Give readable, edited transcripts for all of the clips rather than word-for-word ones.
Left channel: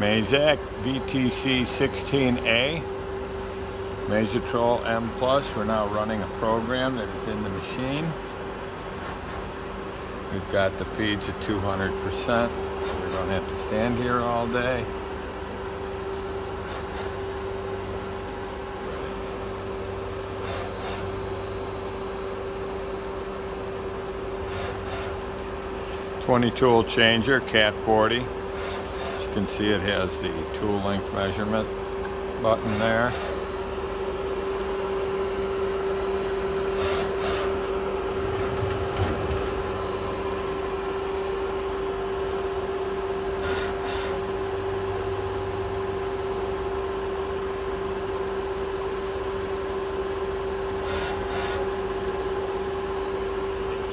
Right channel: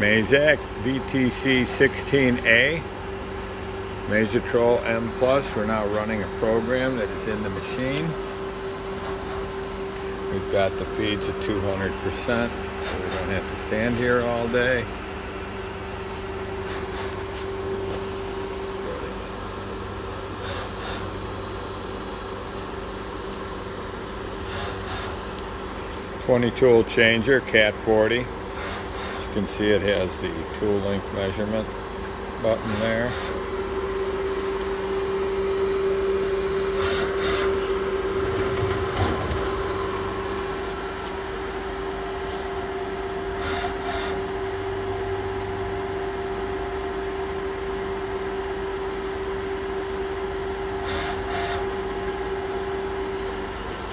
Mazak VTC-16 A, Mazatrol M+. We're now running a program that is in the machine. We've got the feeds at 200%, so we don't have to stand here all day. Ready. 20 tool changer, Cat 40. As you can see, it has the tool length measurement button there.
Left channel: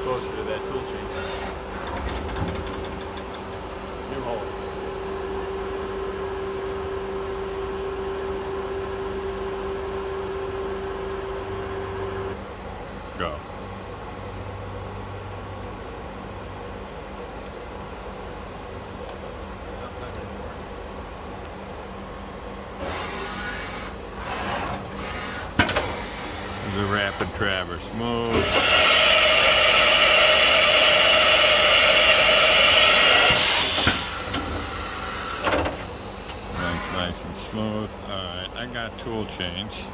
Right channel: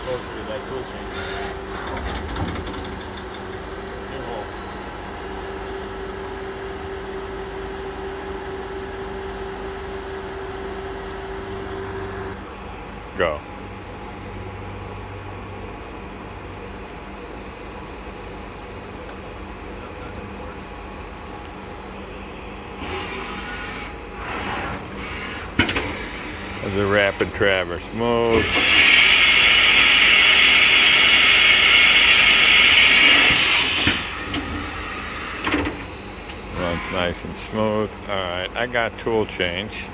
Closer to that tool changer. Go. There's a rapid traverse move. Runs nice and smooth. All right, I got tool change.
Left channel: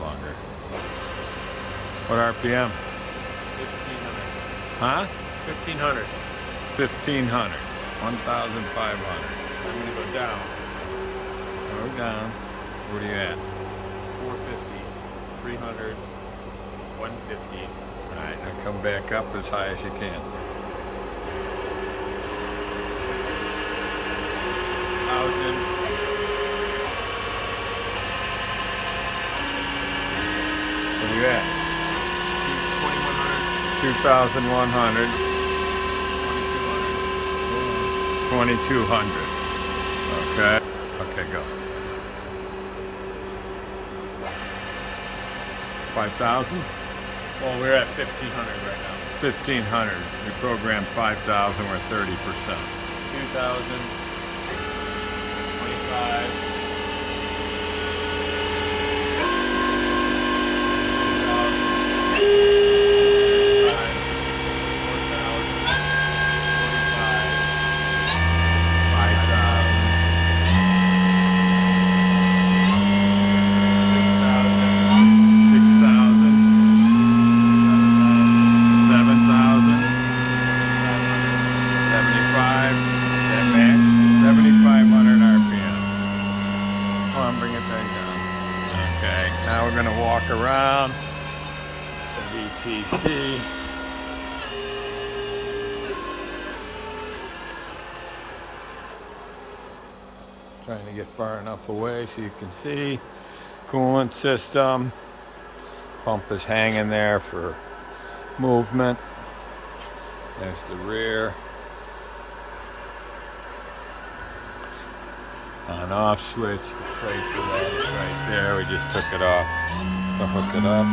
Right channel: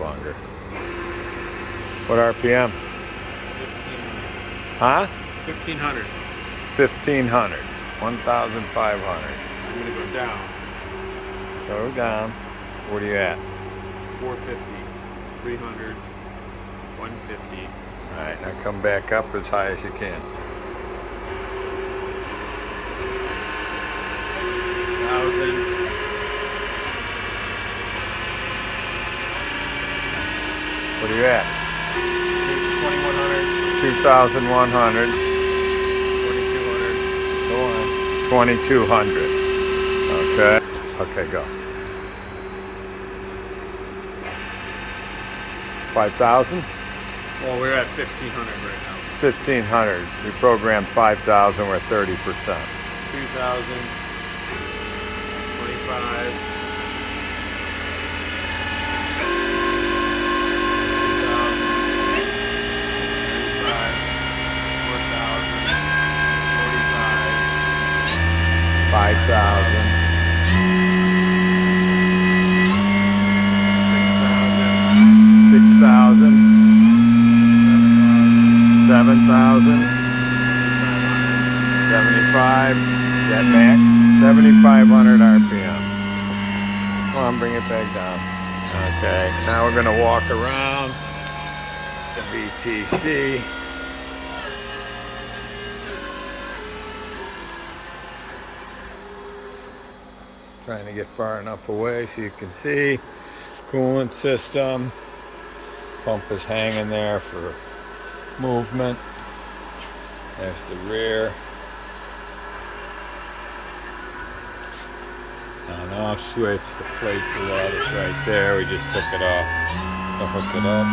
Longer. What RPM? 1500. Huh? 1500. 1500. 1500. I'm going to go down. Go down. What are you at? 450. 300. 150. All right, now come back up as high as you can. 1000. What are you at? 2100. 2,100. 2200. Go on. 2,200. Okay. Okay, go. 5,000? Well, we're at 1500 right now. 1,500. We programmed 5,000. We're 30%. 2000. 25. 5,000. 6,000. 7,000. 75. That max. 7,500 RPM. Come on, bring it back down. Okay. Now we're going to walk around the VTC. Trying to get far enough away so you can see. Coolant system. Pump is hanging there for movement. There's the rear. On off switch. The plate for that is right there. We just took it off to hook it up.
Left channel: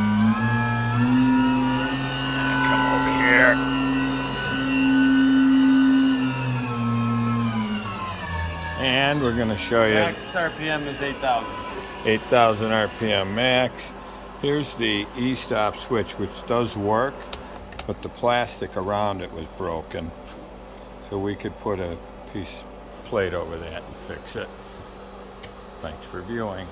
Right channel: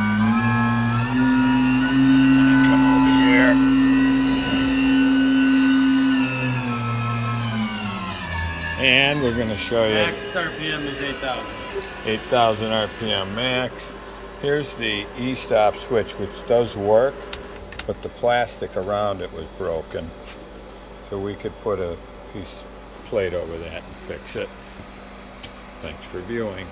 And come over here. And we're going to show you. Max RPM is 8,000. 8,000 RPM max. Here's the e-stop switch, which does work, but the plastic around it was broken. So we could put a plate over that and fix it. Thanks for viewing.